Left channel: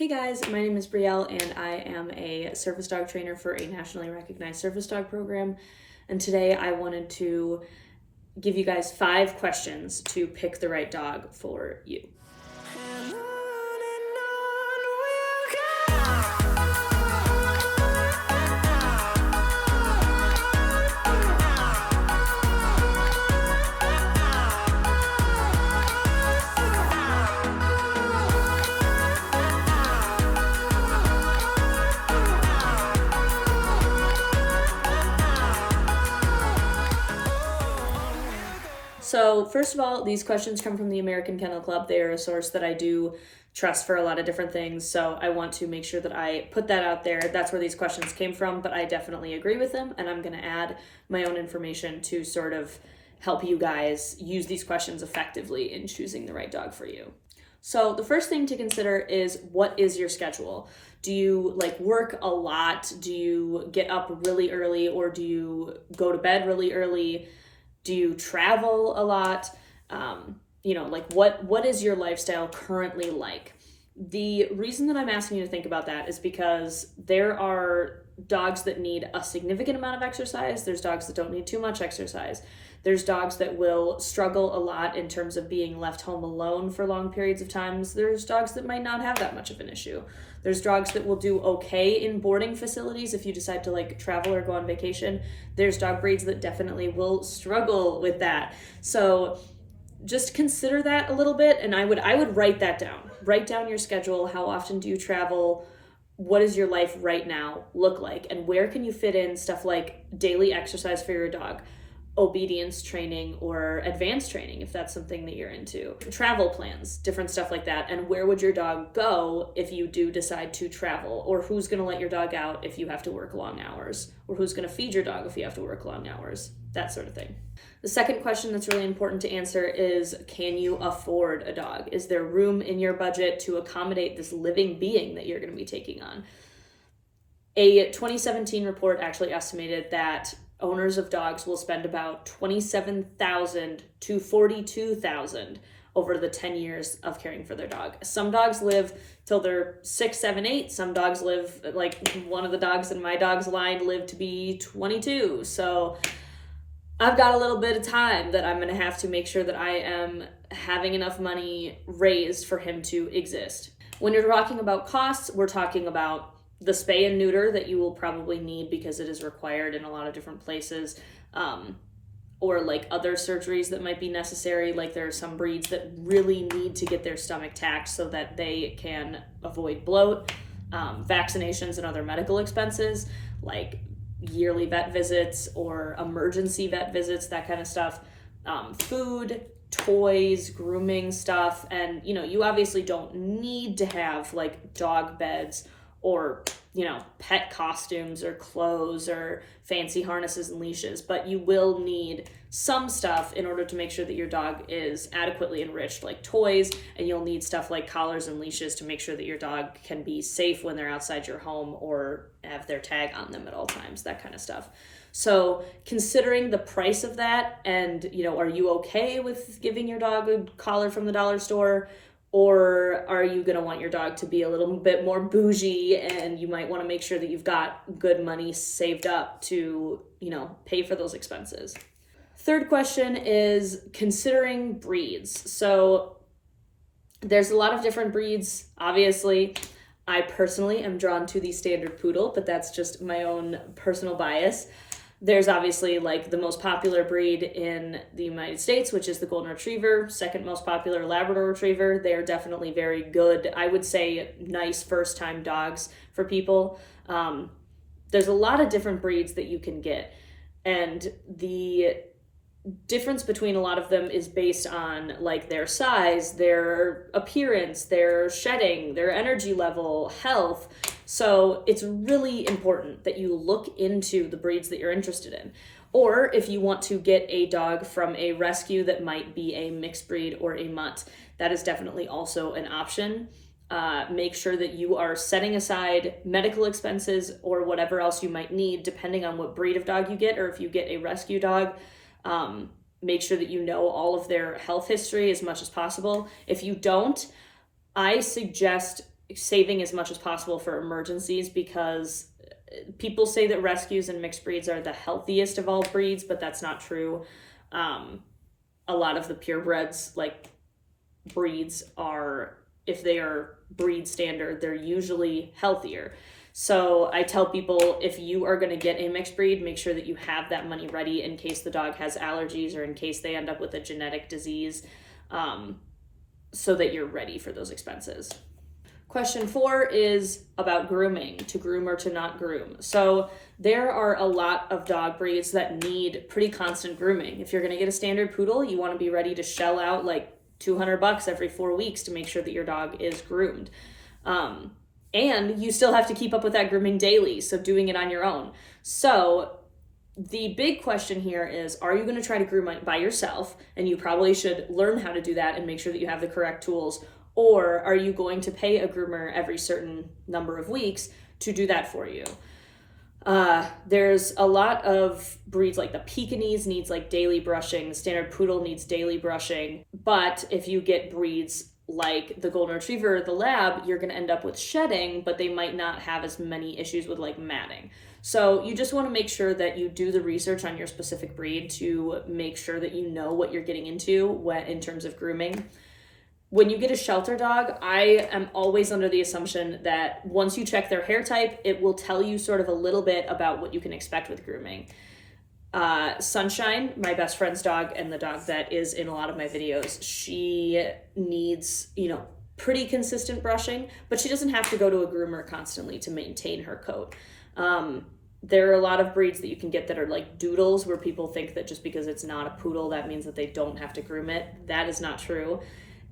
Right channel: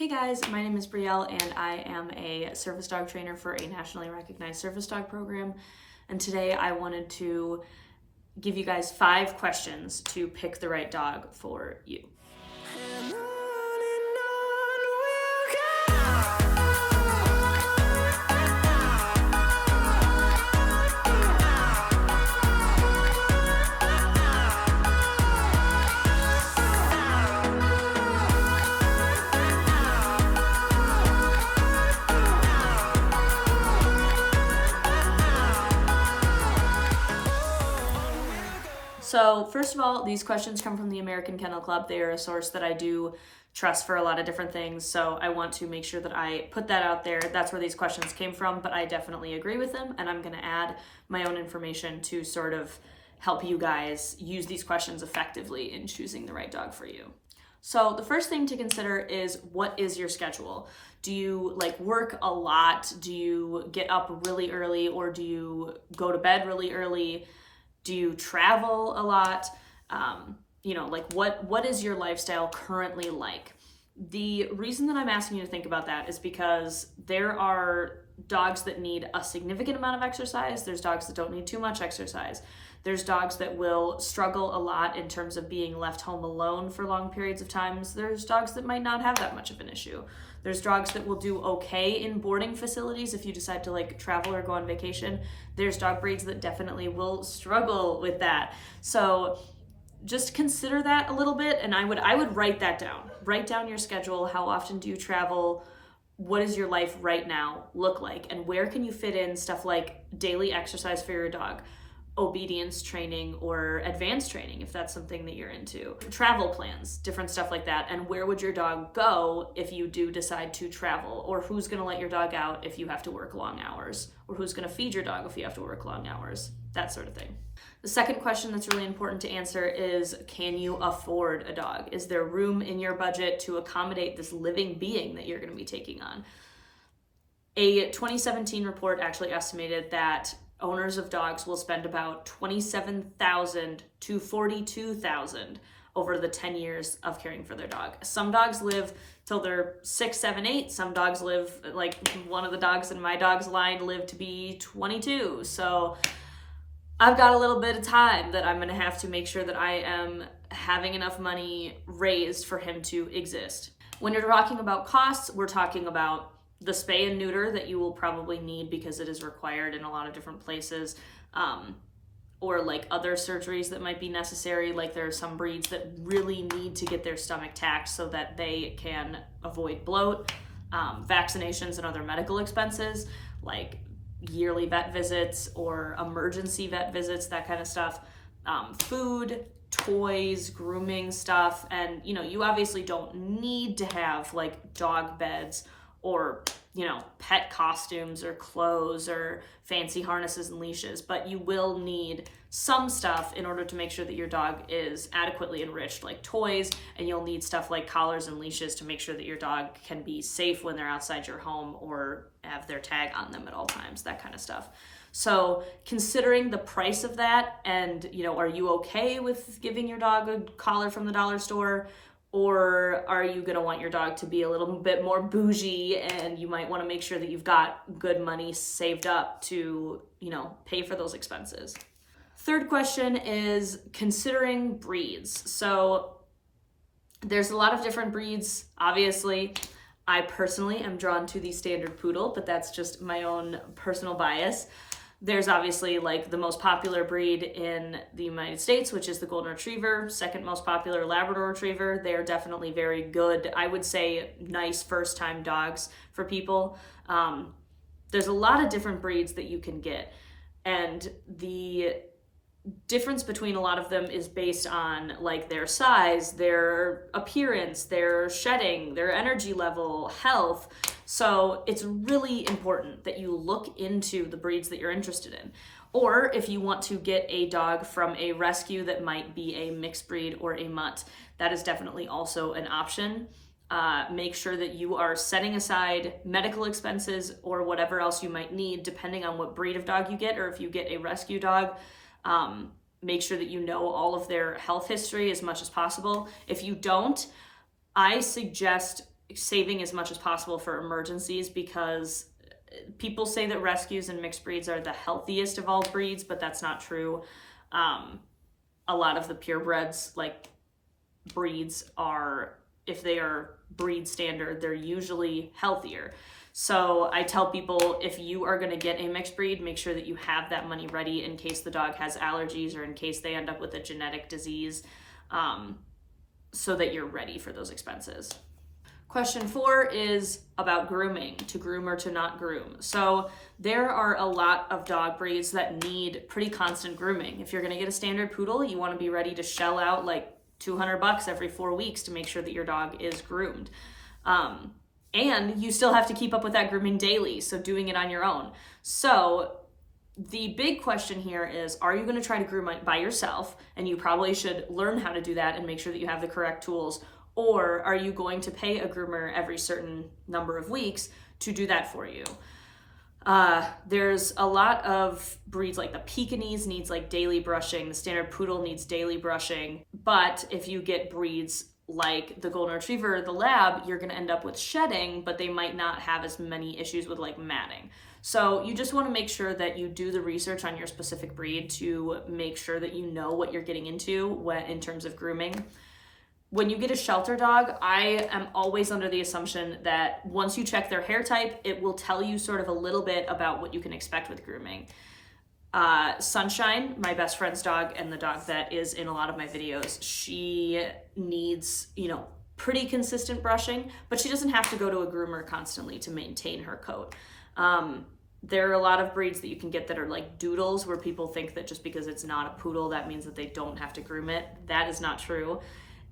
Hey guys, my name is Brielle and I am a service dog trainer for a nationally recognized service dog program. And today I wanted to give you guys 5 questions to pick the right dog for you. So first of all, these questions come from the American Kennel Club. They are a source that I do trust for a lot of different things. So I want to make sure that I put that out there. That's where these questions came from, but I definitely agree with them. And I'm going to add my own information to sort of help you guys use these questions effectively in choosing the right dog for you. So the first thing to consider is, what is your schedule? Do you work a lot? Do you get up really early, or do you go to bed really early? Do you travel a lot? What is your lifestyle currently like? The reason that I'm asking you to think about that is because there are dogs that need a significant amount of exercise. There's dogs that don't need too much exercise. There's dogs that will struggle a lot in terms of being left home alone for long periods of times. There's dogs that might not have that much of an issue. There's dogs that will do okay in boarding facilities if you decide to travel or go on vacation. There's dog breeds that definitely will struggle with that. So just consider that a little bit, and I would write that down. Write down your schedule. How often do you travel? What does your life right now look like? And where can you fit in stuff like daily exercise for your dog, obedience training, or advanced training if that's something that you're into, travel plans, different stuff like that. And where would your dog go if you do decide to travel? Or who's going to let your dog out if you have to work long hours? Or who's going to feed your dog if you have to work long hours? That sort of thing. The second question that's really important to answer is, can you afford a dog? Is there room in your budget to accommodate this living being that you're going to be taking on? A 2017 report actually estimated that owners of dogs will spend about $27,000 to $42,000 over the 10 years of caring for their dog. Some dogs live till they're 6, 7, 8. Some dogs live, like one of the dogs in my dog's line lived to be 22. So I've got a little bit of time that I'm going to have to make sure that I am having enough money raised for him to exist. When you're talking about costs, we're talking about the spay and neuter that you will probably need because it is required in a lot of different places, or other surgeries that might be necessary. There are some breeds that really need to get their stomach tacked so that they can avoid bloat, vaccinations and other medical expenses, like yearly vet visits or emergency vet visits, that kind of stuff, food, toys, grooming stuff. And you obviously don't need to have dog beds or pet costumes or clothes or fancy harnesses and leashes, but you will need some stuff in order to make sure that your dog is adequately enriched, like toys, and you'll need stuff like collars and leashes to make sure that your dog can be safe when they're outside your home or have their tag on them at all times, that kind of stuff. So considering the price of that, and are you okay with giving your dog a collar from the dollar store? Or are you going to want your dog to be a little bit more bougie, and you might want to make sure that you've got good money saved up to, pay for those expenses? Third question is considering breeds. So there's a lot of different breeds, obviously. I personally am drawn to the standard poodle, but that's just my own personal bias. There's obviously the most popular breed in the United States, which is the Golden Retriever, second most popular Labrador Retriever. They're definitely very good, I would say, nice first-time dogs for people. There's a lot of different breeds that you can get, and the difference between a lot of them is based on their size, their appearance, their shedding, their energy level, health. So it's really important that you look into the breeds that you're interested in. Or if you want to get a dog from a rescue that might be a mixed breed or a mutt, that is definitely also an option. Make sure that you are setting aside medical expenses or whatever else you might need, depending on what breed of dog you get, or if you get a rescue dog. Make sure that you know all of their health history as much as possible. If you don't, I suggest saving as much as possible for emergencies, because people say that rescues and mixed breeds are the healthiest of all breeds, but that's not true. A lot of the purebreds, like breeds, are, if they are breed standard, they're usually healthier. So I tell people, if you are going to get a mixed breed, make sure that you have that money ready in case the dog has allergies or in case they end up with a genetic disease, so that you're ready for those expenses. Question 4 is about grooming, to groom or to not groom. So there are a lot of dog breeds that need pretty constant grooming. If you're going to get a standard poodle, you want to be ready to shell out like $200 every 4 weeks to make sure that your dog is groomed. And you still have to keep up with that grooming daily, so doing it on your own. So the big question here is, are you going to try to groom by yourself? And you probably should learn how to do that and make sure that you have the correct tools. Or are you going to pay a groomer every certain number of weeks to do that for you? There's a lot of breeds, like the Pekingese needs like daily brushing, the standard poodle needs daily brushing. But if you get breeds like the golden retriever, the lab, you're going to end up with shedding, but they might not have as many issues with like matting. So you just want to make sure that you do the research on your specific breed to make sure that you know what you're getting into in terms of grooming. When you get a shelter dog, I am always under the assumption that once you check their hair type, it will tell you sort of a little bit about what you can expect with grooming. Sunshine, my best friend's dog and the dog that is in a lot of my videos, she needs, pretty consistent brushing, but she doesn't have to go to a groomer constantly to maintain her coat. There are a lot of breeds that you can get that are like doodles, where people think that just because it's not a poodle, that means that they don't have to groom it. That is not true.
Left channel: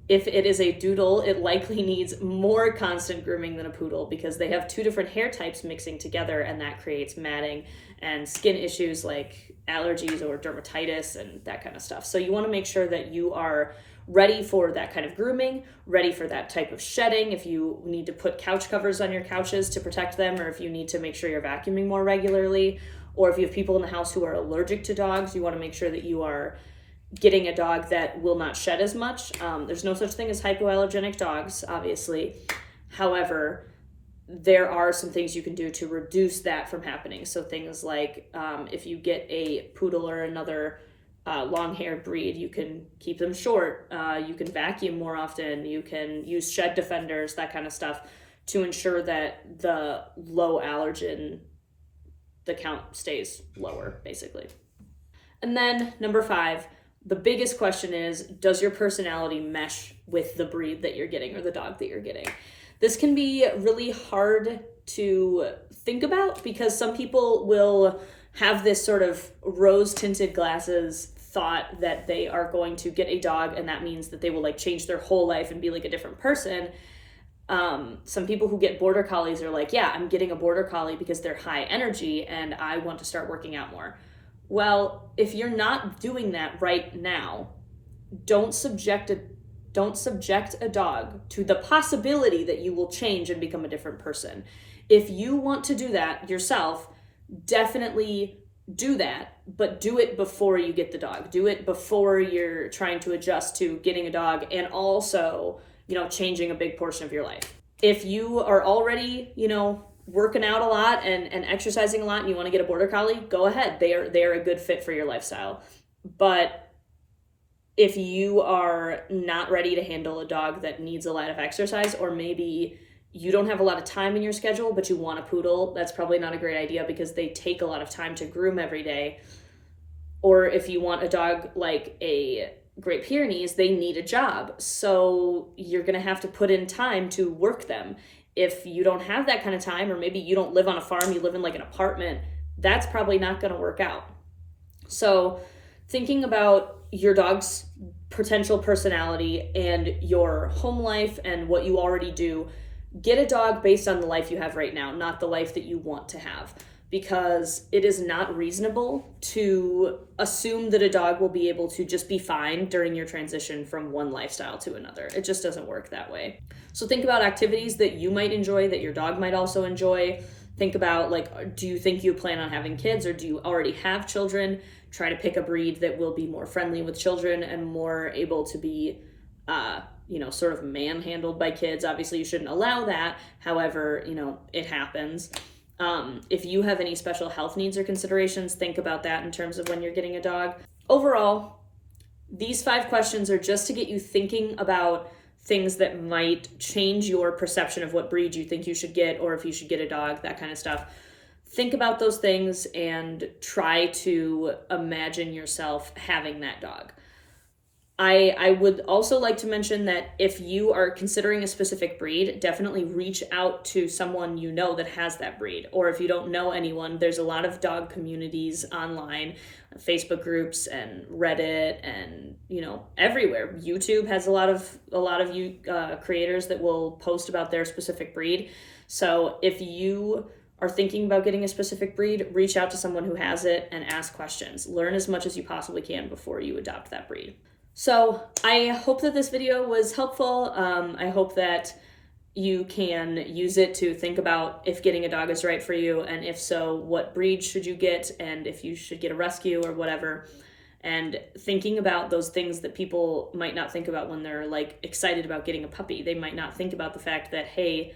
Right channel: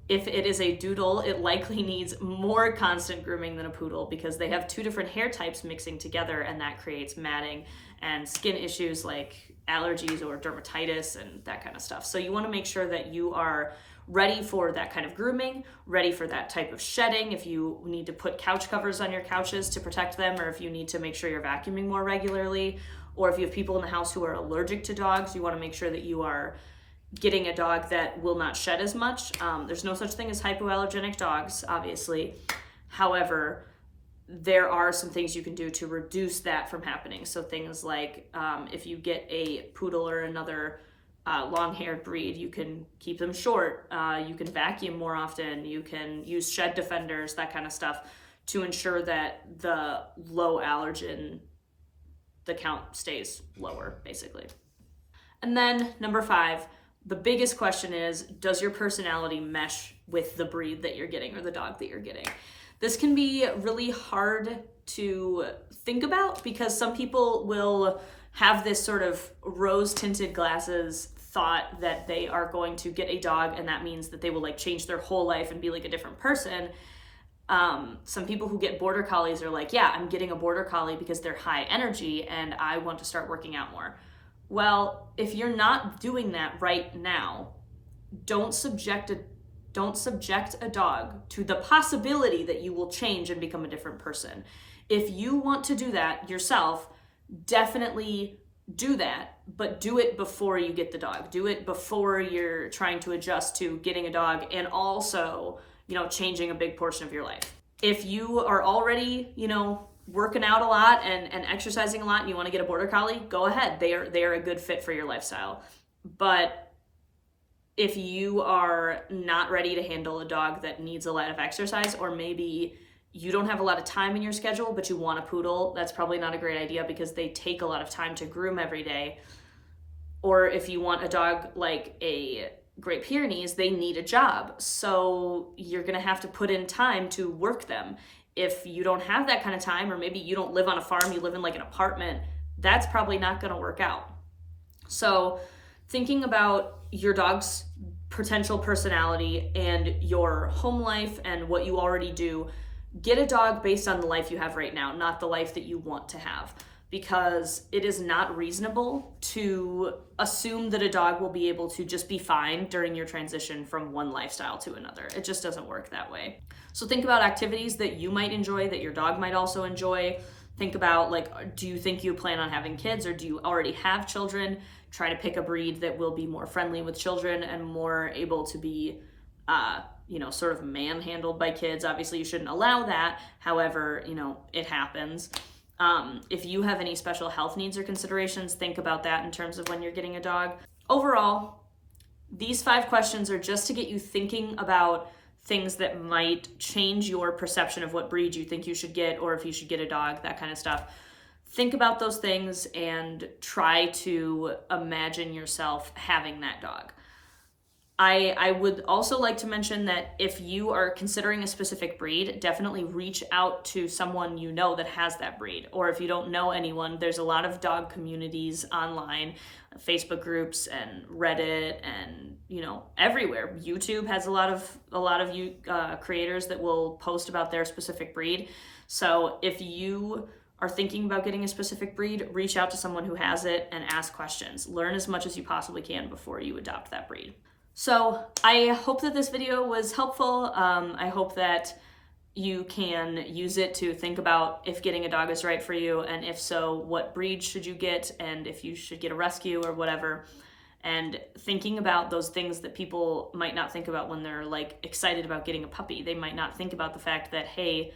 If it is a doodle, it likely needs more constant grooming than a poodle, because they have two different hair types mixing together, and that creates matting and skin issues like allergies or dermatitis and that kind of stuff. So you want to make sure that you are ready for that kind of grooming, ready for that type of shedding. If you need to put couch covers on your couches to protect them, or if you need to make sure you're vacuuming more regularly, or if you have people in the house who are allergic to dogs, you want to make sure that you are getting a dog that will not shed as much. There's no such thing as hypoallergenic dogs, obviously. However, there are some things you can do to reduce that from happening. So things like if you get a poodle or another long-haired breed, you can keep them short. You can vacuum more often. You can use shed defenders, that kind of stuff, to ensure that the low allergen, the count stays lower, basically. And then number 5, the biggest question is, does your personality mesh with the breed that you're getting or the dog that you're getting? This can be really hard to think about, because some people will have this sort of rose-tinted glasses thought that they are going to get a dog and that means that they will like change their whole life and be like a different person. Some people who get border collies are like, yeah, I'm getting a border collie because they're high energy and I want to start working out more. Well, if you're not doing that right now, don't subject a dog to the possibility that you will change and become a different person. If you want to do that yourself, definitely do that, but do it before you get the dog. Do it before you're trying to adjust to getting a dog and also, changing a big portion of your life. If you are already, working out a lot and exercising a lot and you want to get a border collie, go ahead. They are a good fit for your lifestyle. But if you are not ready to handle a dog that needs a lot of exercise, or maybe you don't have a lot of time in your schedule, but you want a poodle, that's probably not a great idea because they take a lot of time to groom every day. Or if you want a dog like a Great Pyrenees, they need a job. So you're going to have to put in time to work them. If you don't have that kind of time, or maybe you don't live on a farm, you live in like an apartment, that's probably not going to work out. So thinking about your dog's potential personality and your home life and what you already do, get a dog based on the life you have right now, not the life that you want to have, because it is not reasonable to assume that a dog will be able to just be fine during your transition from one lifestyle to another. It just doesn't work that way. So think about activities that you might enjoy, that your dog might also enjoy. Think about, like, do you think you plan on having kids, or do you already have children? Try to pick a breed that will be more friendly with children and more able to be sort of manhandled by kids. Obviously, you shouldn't allow that. However, it happens. If you have any special health needs or considerations, think about that in terms of when you're getting a dog. Overall, these 5 questions are just to get you thinking about things that might change your perception of what breed you think you should get, or if you should get a dog, that kind of stuff. Think about those things and try to imagine yourself having that dog. I would also like to mention that if you are considering a specific breed, definitely reach out to someone that has that breed. Or if you don't know anyone, there's a lot of dog communities online, Facebook groups and Reddit and, everywhere. YouTube has a lot of creators that will post about their specific breed. So if you are thinking about getting a specific breed, reach out to someone who has it and ask questions. Learn as much as you possibly can before you adopt that breed. So I hope that this video was helpful. I hope that you can use it to think about if getting a dog is right for you, and if so, what breed should you get, and if you should get a rescue or whatever. And thinking about those things that people might not think about when they're excited about getting a puppy. They might not think about the fact that, hey,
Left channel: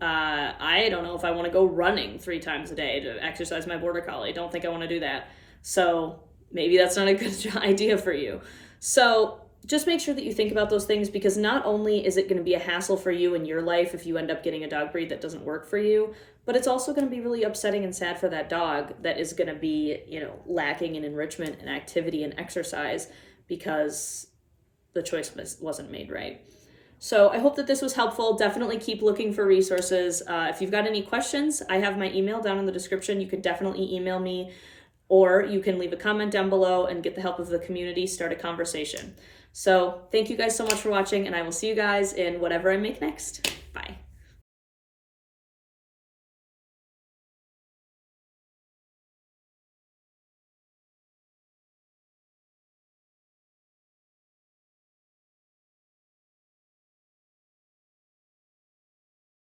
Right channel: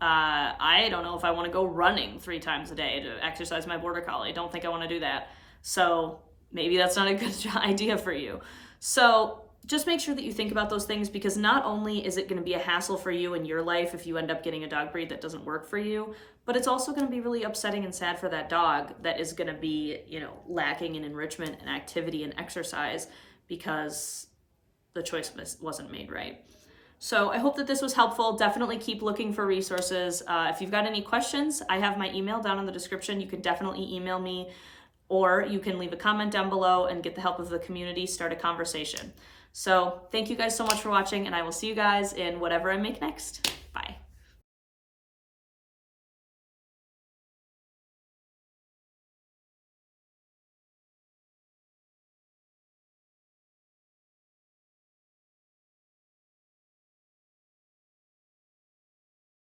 I don't know if I want to go running 3 times a day to exercise my border collie. I don't think I want to do that. So maybe that's not a good idea for you. So just make sure that you think about those things, because not only is it going to be a hassle for you in your life if you end up getting a dog breed that doesn't work for you, but it's also going to be really upsetting and sad for that dog that is going to be, lacking in enrichment and activity and exercise because the choice wasn't made right. So I hope that this was helpful. Definitely keep looking for resources. If you've got any questions, I have my email down in the description. You can definitely email me, or you can leave a comment down below and get the help of the community, start a conversation. So thank you guys so much for watching, and I will see you guys in whatever I make next. Bye.